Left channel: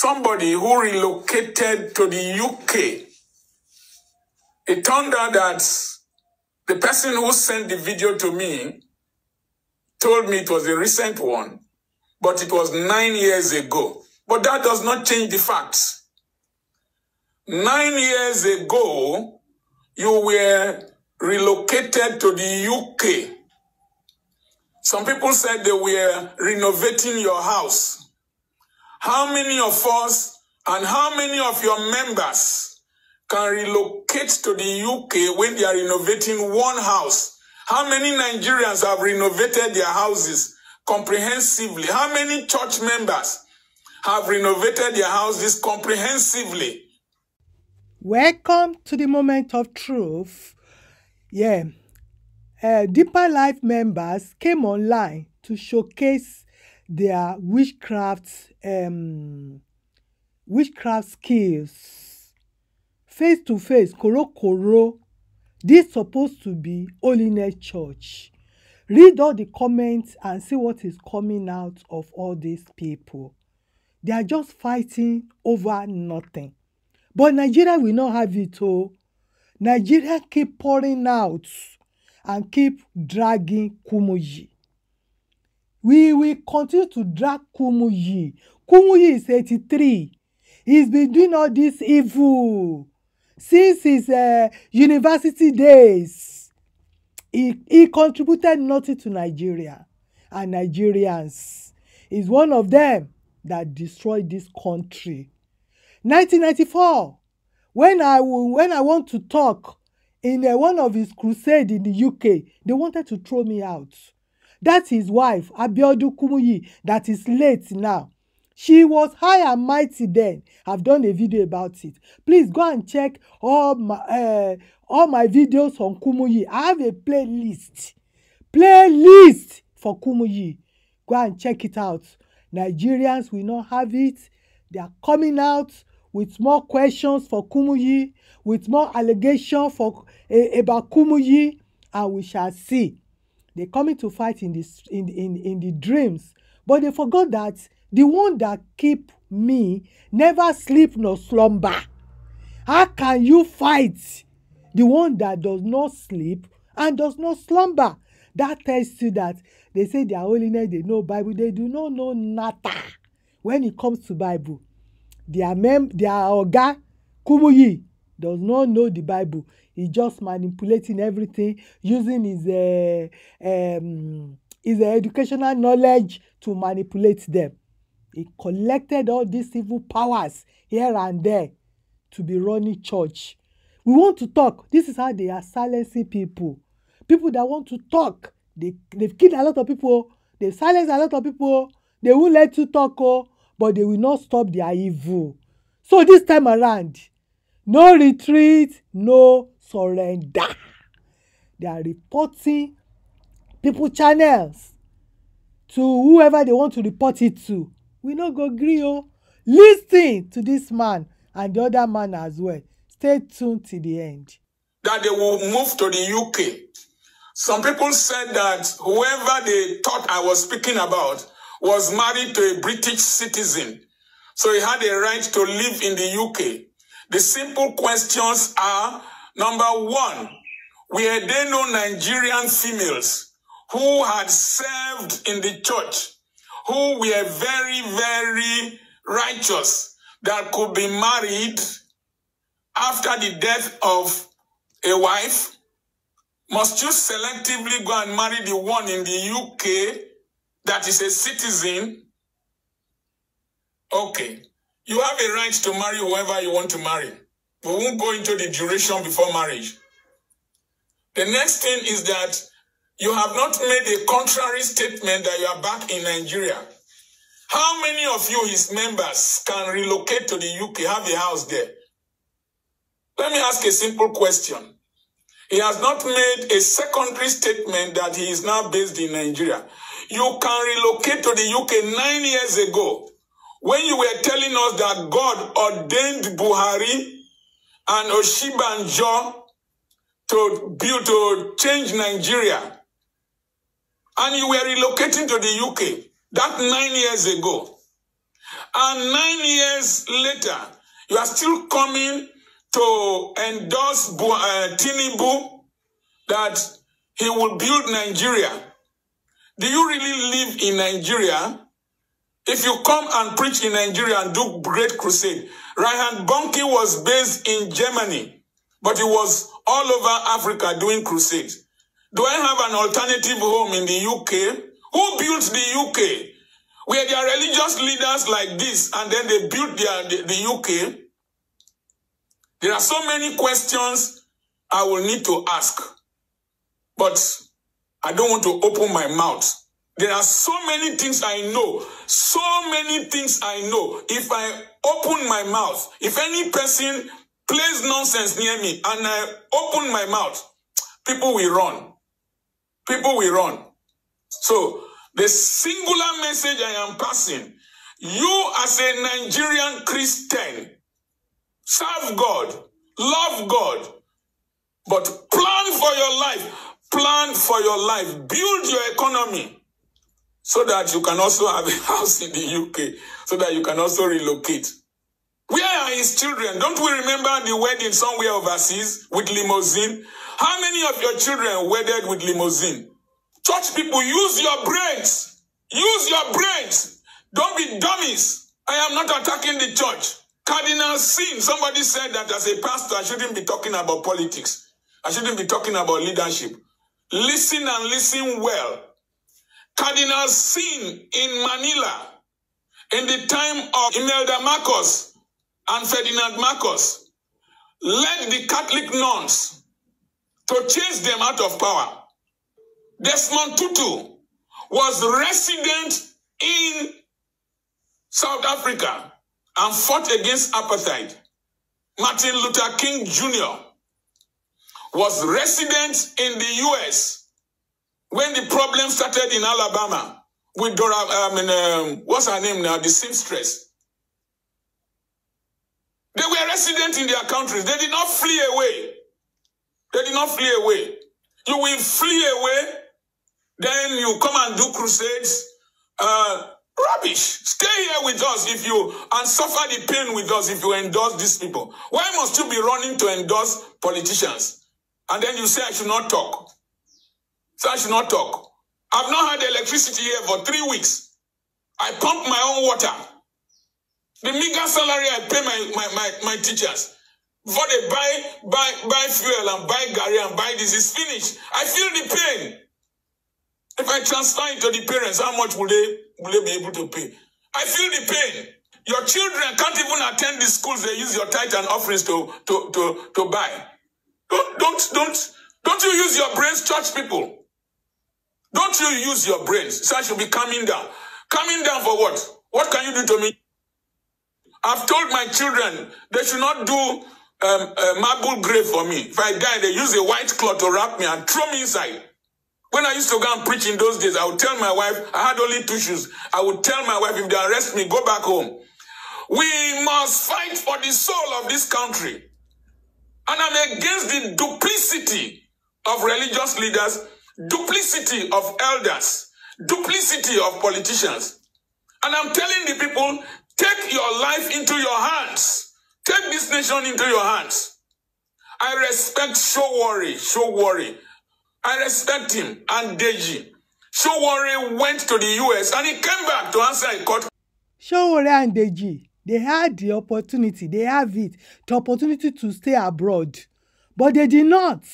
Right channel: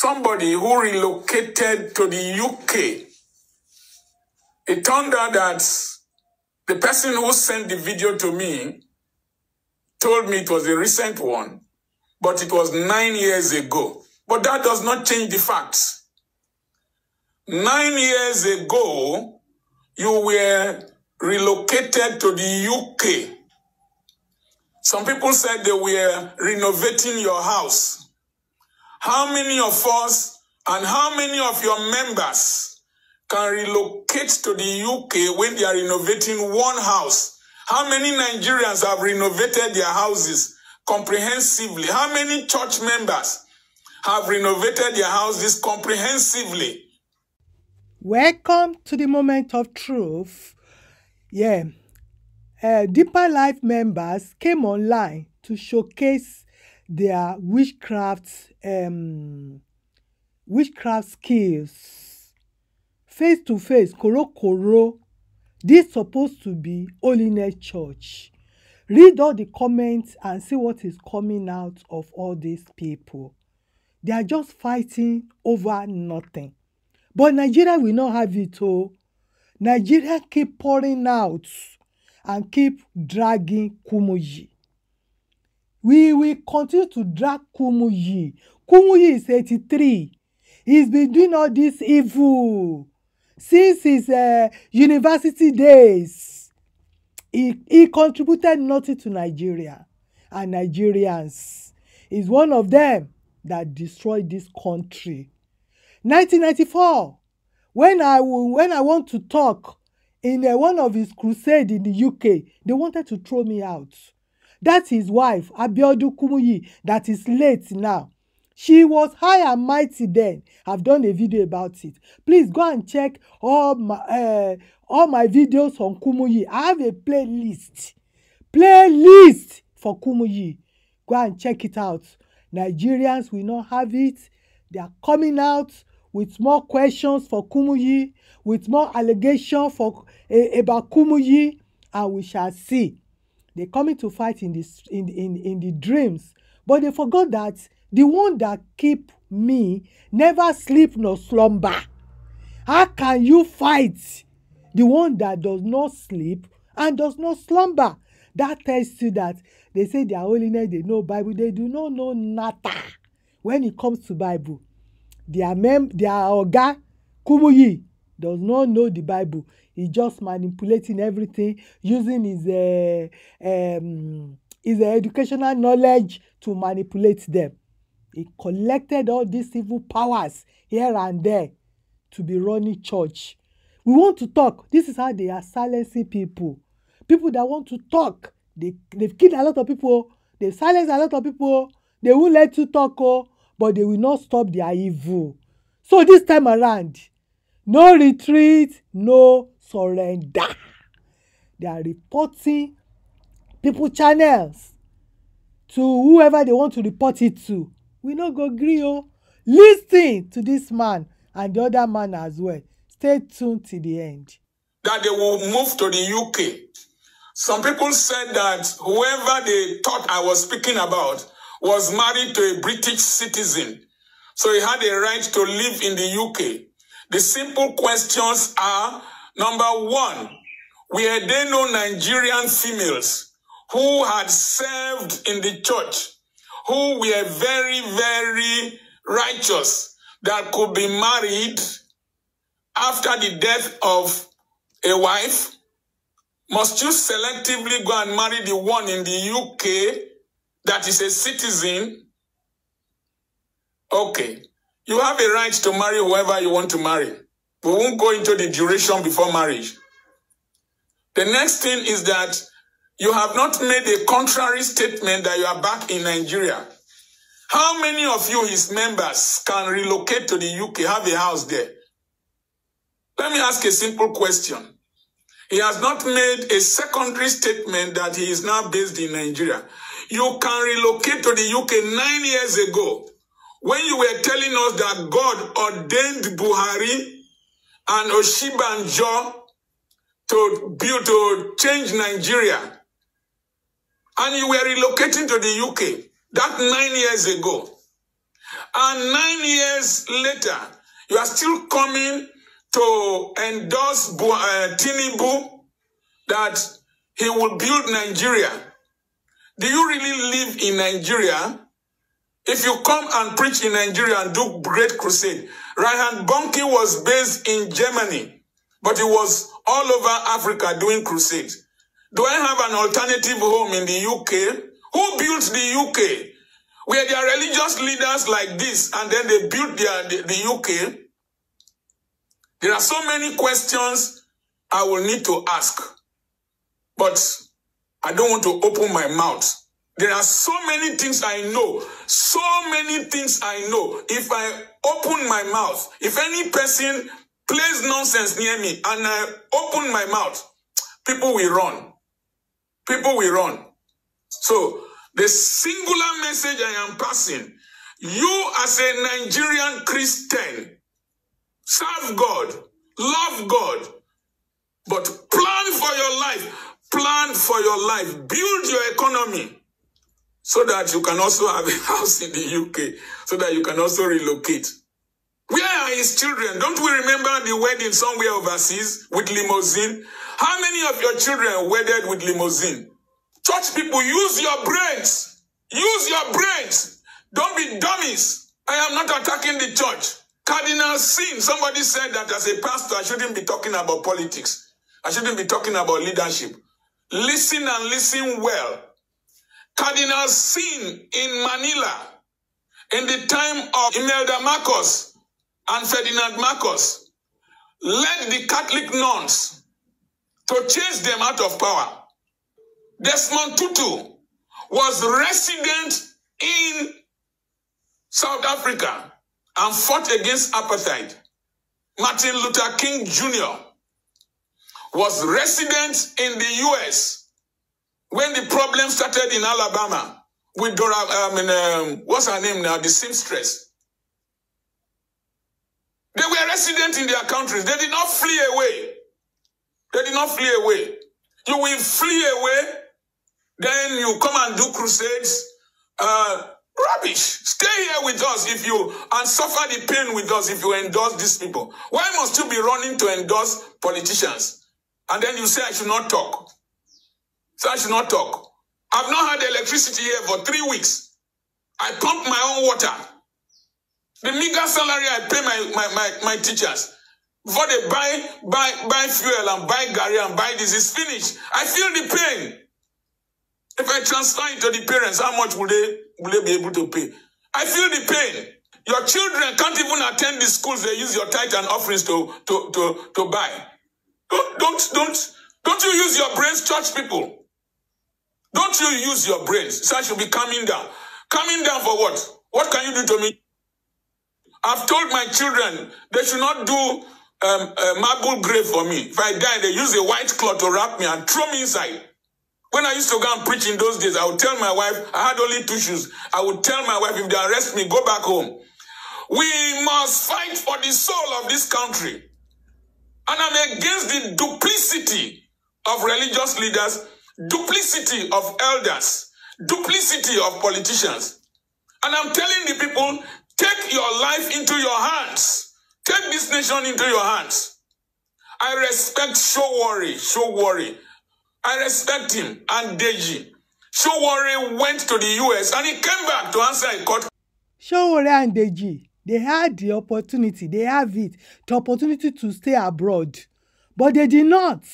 somebody who relocated to the UK. It turned out that the person who sent the video to me told me it was a recent one, but it was 9 years ago. But that does not change the facts. 9 years ago, you were relocated to the UK. Some people said they were renovating your house. How many of us and how many of your members can relocate to the UK when they are renovating one house? How many Nigerians have renovated their houses comprehensively? How many church members have renovated their houses comprehensively? Welcome to the moment of truth. Deeper Life members came online to showcase their witchcraft skills. Face to face, koro. This supposed to be holiness church. Read all the comments and see what is coming out of all these people. They are just fighting over nothing. But Nigeria will not have it all. Nigeria keep pouring out and keep dragging Kumuyi. We will continue to drag Kumuyi. Kumuyi is 83. He's been doing all this evil since his university days. He contributed nothing to Nigeria and Nigerians. He's one of them that destroyed this country. 1994, when I want to talk in one of his crusades in the UK, they wanted to throw me out. That's his wife, Abiodun Kumuyi, that is late now. She was high and mighty then. I've done a video about it. Please go and check all my videos on Kumuyi. I have a playlist for Kumuyi. Go and check it out. Nigerians will not have it. They are coming out with more questions for Kumuyi, with more allegations about Kumuyi, and we shall see. They're coming to fight in the dreams, but they forgot that the one that keep me never sleep nor slumber. How can you fight the one that does not sleep and does not slumber? That tells you that they say their holiness, they know Bible, they do not know nada when it comes to Bible. Their Oga Kumuyi does not know the Bible. He's just manipulating everything, using his educational knowledge to manipulate them. He collected all these evil powers here and there to be running church. We want to talk. This is how they are silencing people. People that want to talk. They've killed a lot of people. They've silenced a lot of people. They won't let you talk, but they will not stop their evil. So this time around, no retreat, no surrender. They are reporting people channels to whoever they want to report it to. We no go gree. Listen to this man and the other man as well. Stay tuned till the end. That they will move to the UK. Some people said that whoever they thought I was speaking about was married to a British citizen, so he had a right to live in the UK. The simple questions are, number one, were there no Nigerian females who had served in the church, who were very, very righteous, that could be married after the death of a wife? Must you selectively go and marry the one in the UK that is a citizen? Okay. You have a right to marry whoever you want to marry. We won't go into the duration before marriage. The next thing is that you have not made a contrary statement that you are back in Nigeria. How many of you, his members, can relocate to the UK, have a house there? Let me ask a simple question. He has not made a secondary statement that he is now based in Nigeria. You can relocate to the UK 9 years ago when you were telling us that God ordained Buhari and Oshibanjo to change Nigeria. And you were relocating to the UK that 9 years ago. And 9 years later, you are still coming to endorse Tinubu that he will build Nigeria. Do you really live in Nigeria? If you come and preach in Nigeria and do great crusade, Reinhard Bonnke was based in Germany, but he was all over Africa doing crusade. Do I have an alternative home in the UK? Who built the UK? Where there are religious leaders like this, and then they built the UK? There are so many questions I will need to ask, but I don't want to open my mouth. There are so many things I know. So many things I know. If I open my mouth, if any person plays nonsense near me and I open my mouth, people will run. People will run. So, the singular message I am passing, you as a Nigerian Christian, serve God, love God, but plan for your life. Plan for your life. Build your economy so that you can also have a house in the UK, so that you can also relocate. Where are his children? Don't we remember the wedding somewhere overseas with limousine? How many of your children wedded with limousine? Church people, use your brains. Use your brains. Don't be dummies. I am not attacking the church. Cardinal Seun, somebody said that as a pastor, I shouldn't be talking about politics. I shouldn't be talking about leadership. Listen and listen well. Cardinal Seun in Manila, in the time of Imelda Marcos and Ferdinand Marcos, led the Catholic nuns to chase them out of power. Desmond Tutu was resident in South Africa and fought against apartheid. Martin Luther King Jr. was resident in the US when the problem started in Alabama with what's her name now? The seamstress. They were resident in their countries. They did not flee away. They did not flee away. You will flee away, then you come and do crusades. Rubbish. Stay here with us and suffer the pain with us if you endorse these people. Why must you be running to endorse politicians? And then you say I should not talk. So I should not talk. I've not had electricity here for 3 weeks. I pump my own water. The meager salary I pay my teachers. Before they buy fuel and buy gari and buy this is finished. I feel the pain. If I transfer it to the parents, how much will they be able to pay? I feel the pain. Your children can't even attend the schools they use your tithe and offerings to buy. Don't you use your brains, church people? Don't you use your brains? So I should be calming down. Calming down for what? What can you do to me? I've told my children they should not do marble grave for me. If I die, they use a white cloth to wrap me and throw me inside. When I used to go and preach in those days, I would tell my wife, I had only 2 shoes. I would tell my wife, if they arrest me, go back home. We must fight for the soul of this country. And I'm against the duplicity of religious leaders, duplicity of elders, duplicity of politicians. And I'm telling the people, take your life into your hands. Take this nation into your hands. I respect Showori. I respect him and Deji. Showori went to the US and he came back to answer a court. Showori and Deji, they had the opportunity, the opportunity to stay abroad. But they did not.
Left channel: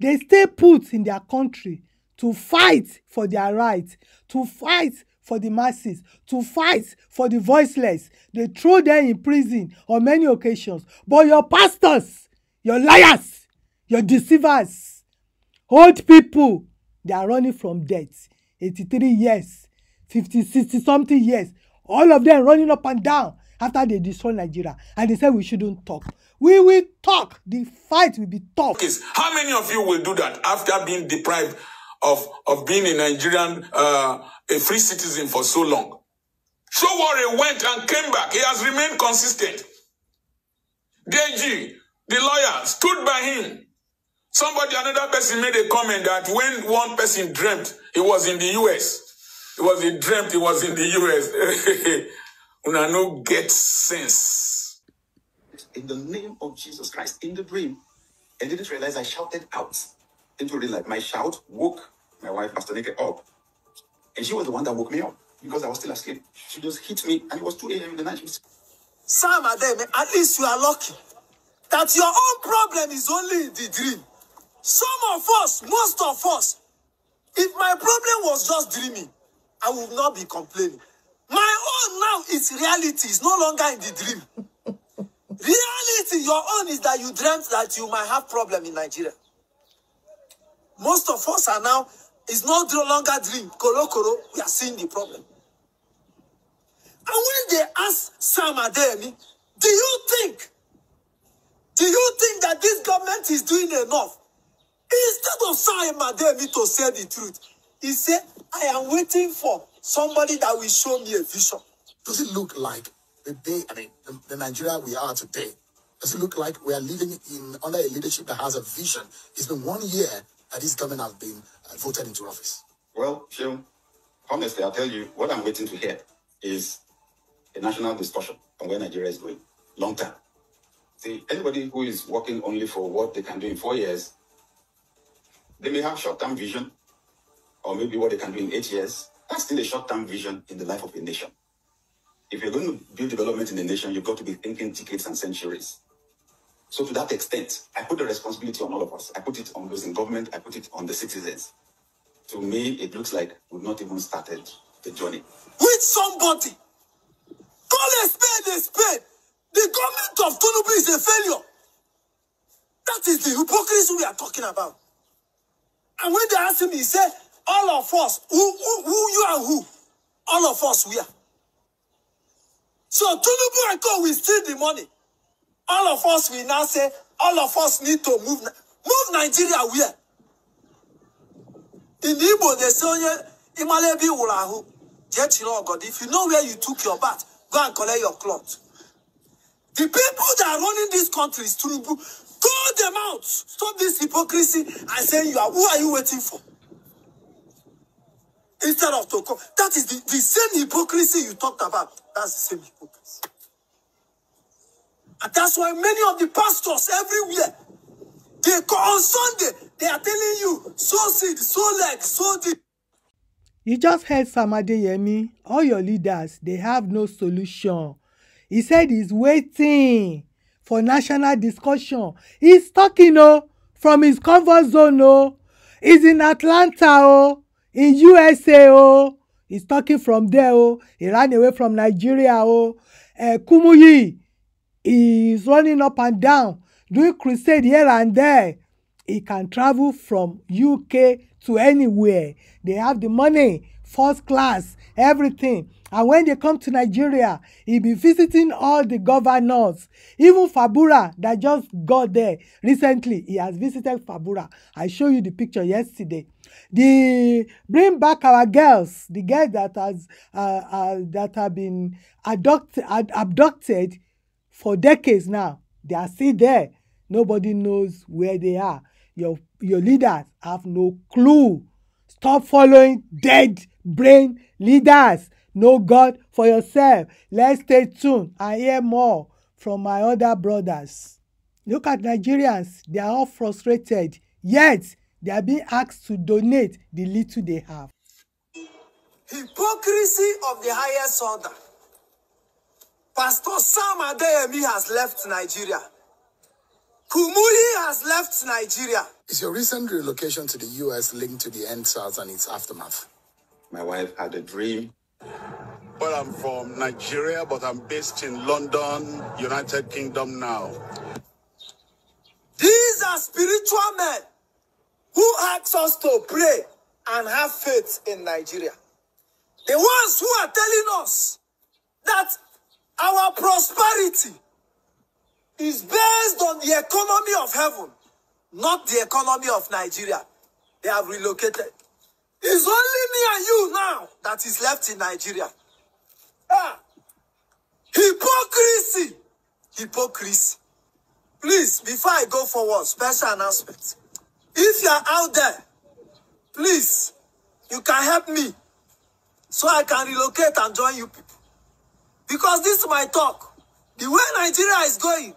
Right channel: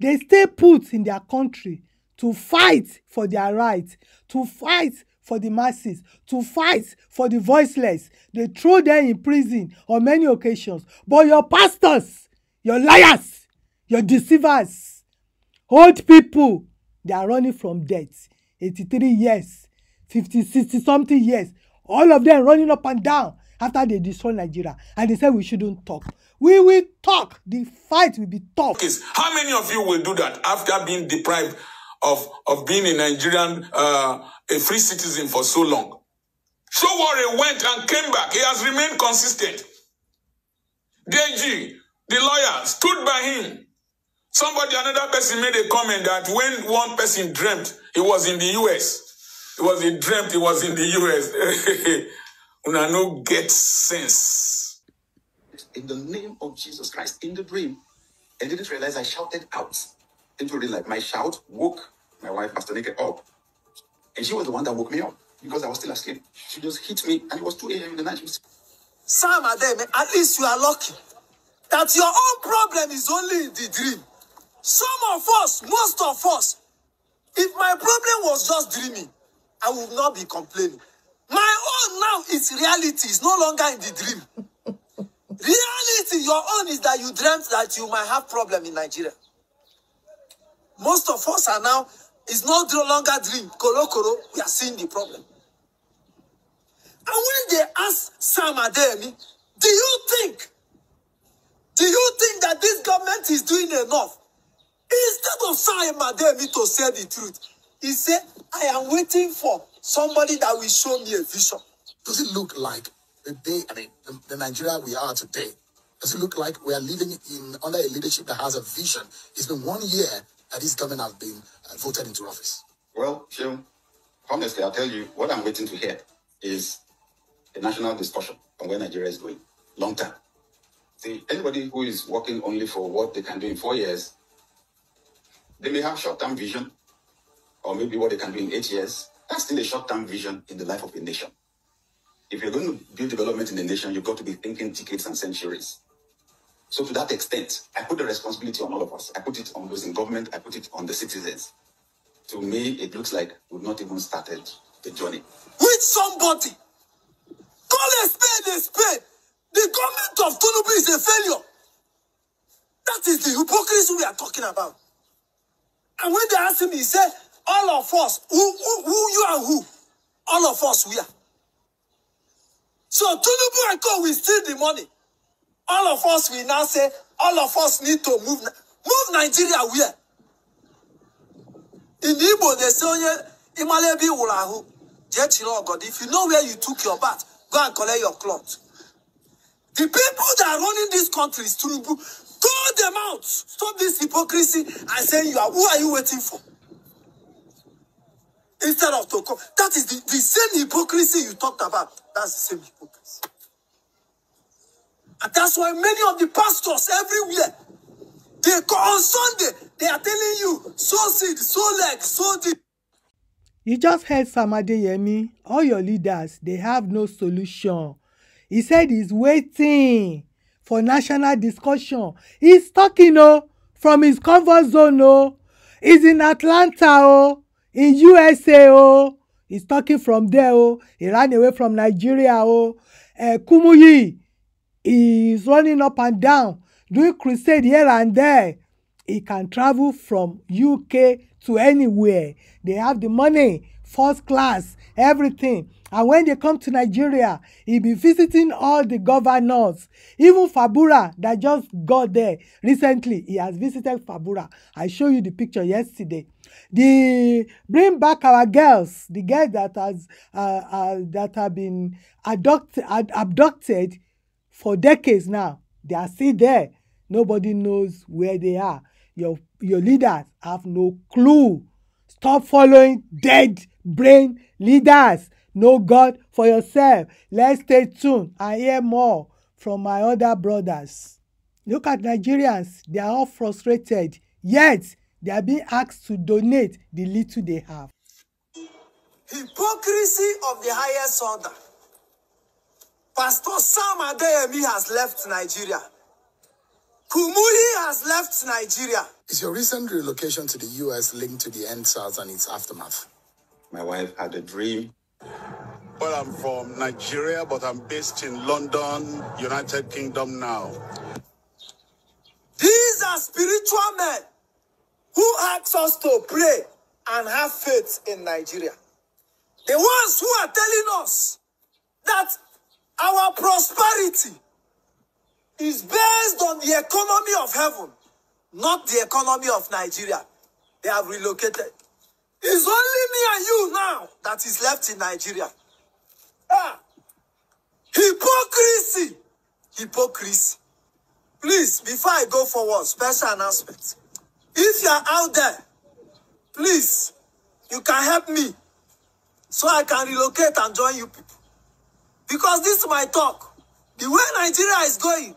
They stay put in their country to fight for their rights, to fight for the masses, to fight for the voiceless. They throw them in prison on many occasions. But your pastors, your liars, your deceivers, old people, they are running from death. 83 years, 50, 60 something years. All of them running up and down after they destroy Nigeria. And they say we shouldn't talk. We will talk. The fight will be tough. How many of you will do that after being deprived of being a Nigerian, a free citizen for so long? Showori went and came back. He has remained consistent. Deji, the lawyer, stood by him. Another person made a comment that when one person dreamt he was in the US, he was in the US. Una no get sense. In the name of Jesus Christ, in the dream, I didn't realize I shouted out into real life. My shout woke my wife, Pastor Nikki, up. And she was the one that woke me up because I was still asleep. She just hit me, and it was 2 a.m. in the night. Sam Adeyemi, at least you are lucky that your own problem is only in the dream. Some of us, most of us, if my problem was just dreaming, I would not be complaining. My own now is reality. It's no longer in the dream. Reality, your own is that you dreamt that you might have problem in Nigeria. Most of us are now, it's no longer dream. Koro, we are seeing the problem. And when they ask Sam Adeyemi, do you think that this government is doing enough? Instead of Sam Adeyemi to say the truth, he said, I am waiting for somebody that will show me a vision. Does it look like the Nigeria we are today? Does it look like we are living under a leadership that has a vision? It's been 1 year that this government have been voted into office. Well, Seun, honestly, I'll tell you, what I'm waiting to hear is a national discussion on where Nigeria is going, long term. See, anybody who is working only for what they can do in 4 years, they may have short-term vision, or maybe what they can do in 8 years. That's still a short-term vision in the life of a nation. If you're going to build development in a nation, you've got to be thinking decades and centuries. So to that extent, I put the responsibility on all of us. I put it on those in government. I put it on the citizens. To me, it looks like we've not even started the journey. With somebody, call a spade a spade. The government of Tinubu is a failure. That is the hypocrisy we are talking about. And when they ask him, he said, all of us, who you and who? All of us, we are. So Tinubu and Co will steal the money. All of us will now say, all of us need to move Nigeria where? In Igbo, they say, Imalebi Urahu. Get you know, God, if you know where you took your bath, go and collect your clothes. The people that are running these countries, Tinubu, call them out. Stop this hypocrisy and say, who are you waiting for? Instead of to come. That is the same hypocrisy you talked about. That's the same hypocrisy. And that's why many of the pastors everywhere, they go on Sunday, they are telling you, sow seed, sow leg, sow deep. You just heard Sam Adeyemi. All your leaders, they have no solution. He said he's waiting for national discussion. He's talking from his comfort zone. He's in Atlanta, in USA. He's talking from there. He ran away from Nigeria. Kumuyi is running up and down, doing crusade here and there. He can travel from UK to anywhere. They have the money, first class, everything. And when they come to Nigeria, he'll be visiting all the governors. Even Fabura that just got there recently, he has visited Fabura. I showed you the picture yesterday. Bring back our girls, the girls that have been abducted for decades now. They are still there. Nobody knows where they are. Your leaders have no clue. Stop following dead brain leaders. Know God for yourself. Let's stay tuned and hear more from my other brothers. Look at Nigerians. They are all frustrated. Yet, they are being asked to donate the little they have. Hypocrisy of the highest order. Pastor Sam Adeyemi has left Nigeria. Kumuyi has left Nigeria. Is your recent relocation to the U.S. linked to the EndSARS and its aftermath? My wife had a dream. Well, I'm from Nigeria, but I'm based in London, United Kingdom now. These are spiritual men who ask us to pray and have faith in Nigeria. The ones who are telling us that our prosperity is based on the economy of heaven, not the economy of Nigeria. They have relocated. It's only me and you now that is left in Nigeria. Hypocrisy. Hypocrisy. Please, before I go forward, special announcement. If you are out there, please, you can help me so I can relocate and join you people. Because this is my talk. The way Nigeria is going,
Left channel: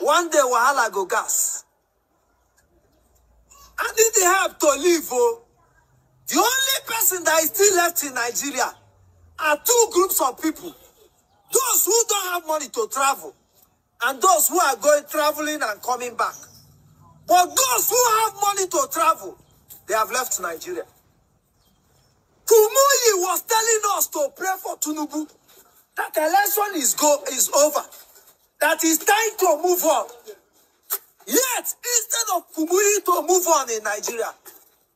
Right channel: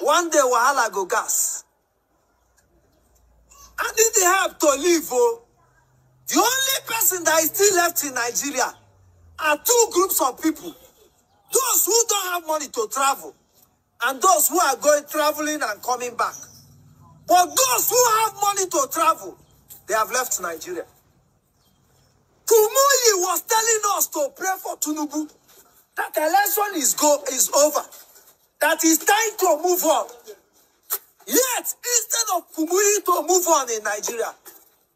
one day wahala go gas. And if they have to leave, the only person that is still left in Nigeria are two groups of people. Those who don't have money to travel, and those who are traveling and coming back. But those who have money to travel, they have left Nigeria. Kumuyi was telling us to pray for Tinubu. That election is over. That is time to move on. Yet, instead of Kumuyi to move on in Nigeria,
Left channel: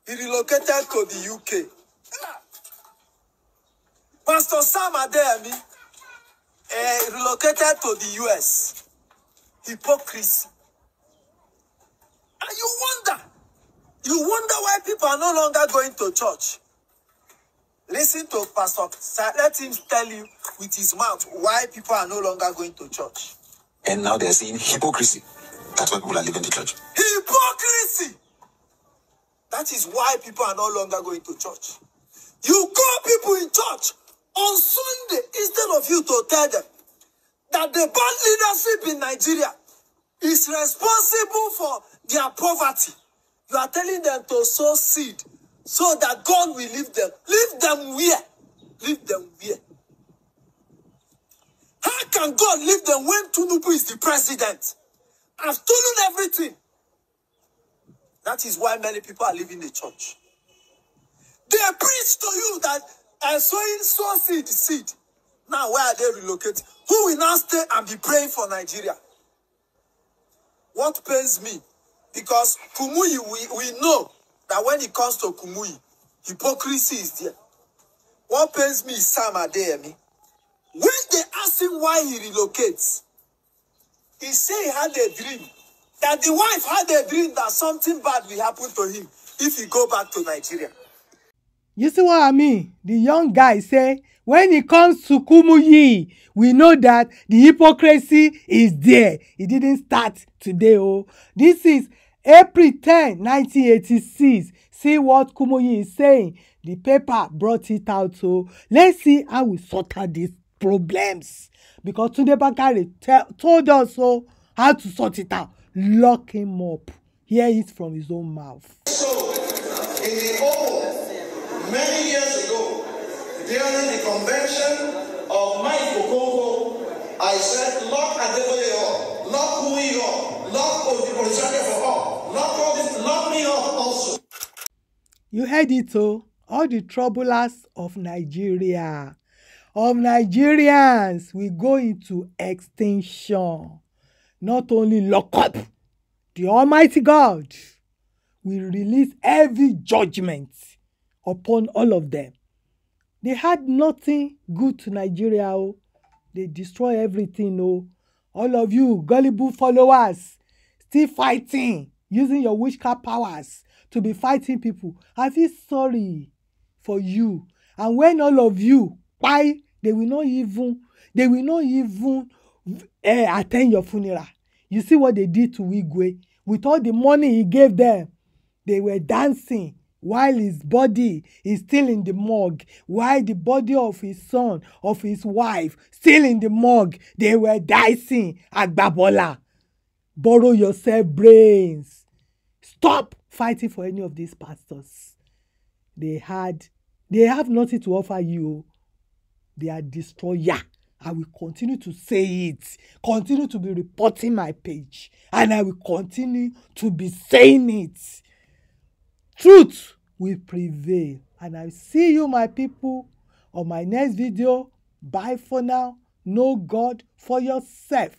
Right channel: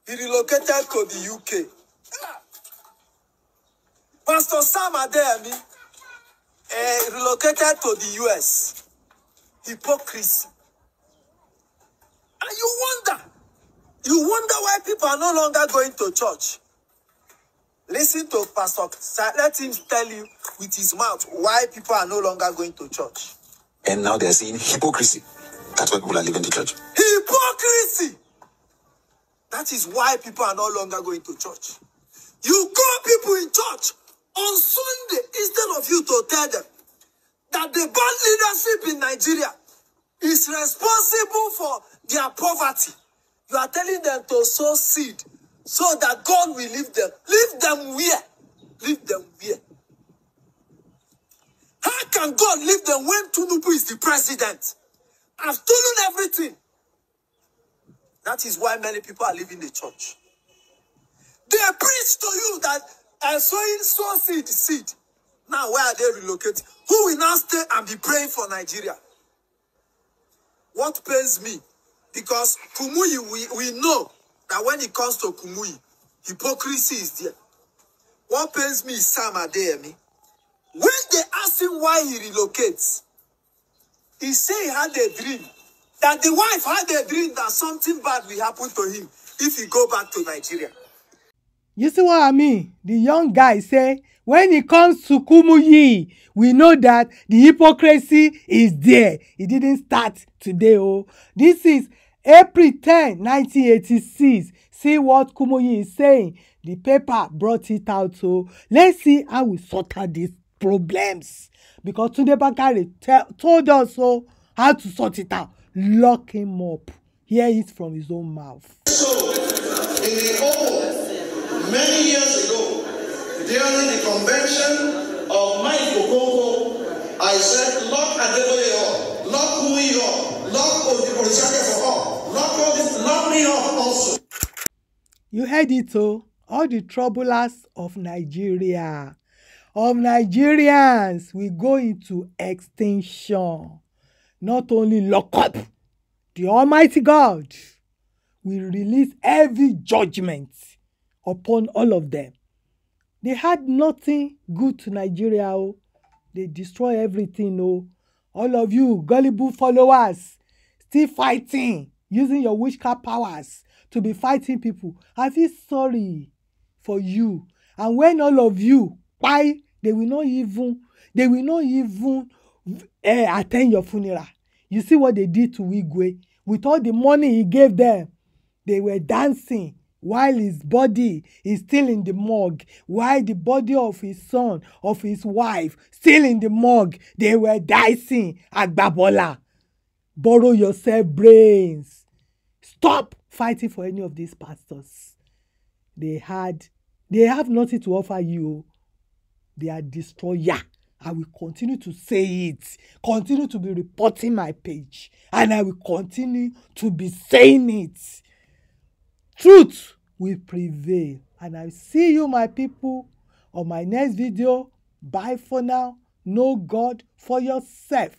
he relocated to the UK. Pastor Adeyemi relocated to the US. Hypocrisy. And you wonder why people are no longer going to church. Listen to Pastor, let him tell you with his mouth why people are no longer going to church. And now they're seeing hypocrisy. That's why people are leaving the church. Hypocrisy! That is why people are no longer going to church. You call people in church on Sunday instead of you to tell them that the bad leadership in Nigeria is responsible for their poverty. You are telling them to sow seed so that God will leave them. Leave them where? Leave them where? How can God leave them when Tinubu is the president? I've stolen everything. That is why many people are leaving the church. They preach to you that I'm sowing seed. Now, where are they relocated? Who will now stay and be praying for Nigeria? What pains me? Because Kumuyi, we know that when it comes to Kumuyi, hypocrisy is there. What pains me is Adeyemi. When they ask him why he relocates, he said he had a dream. That the wife had a dream that something bad will happen to him if he go back to Nigeria. You see what I mean? The young guy say, when it comes to Kumuyi, we know that the hypocrisy is there. It didn't start today. Oh, this is April 10, 1986. See what Kumuyi is saying. The paper brought it out. So let's see how we sort out these problems. Because Tunde Bakare told us how to sort it out. Lock him up. Hear it from his own mouth. So, in the open, many years ago, during the convention of Mike Okonko, I said, lock Adeyemi up, lock Kumuyi up, lock Origbo up, lock me up also. You heard it, all the troublers of Nigeria, of Nigerians, will go into extinction. Not only lock up, the Almighty God will release every judgment upon all of them. They had nothing good to Nigeria. They destroy everything. All of you gullible followers still fighting, using your witchcraft powers to be fighting people. I feel sorry for you. And when all of you, why they will not even attend your funeral. You see what they did to Igwe. With all the money he gave them, they were dancing while his body is still in the morgue, while the body of his son, of his wife, still in the morgue. They were dancing. Agbabola, borrow yourself brains. Stop fighting for any of these pastors. They have nothing to offer you. They are destroyer. I will continue to say it, continue to be reporting my page, and I will continue to be saying it. Truth will prevail. And I see you, my people, on my next video. Bye for now. Know God for yourself.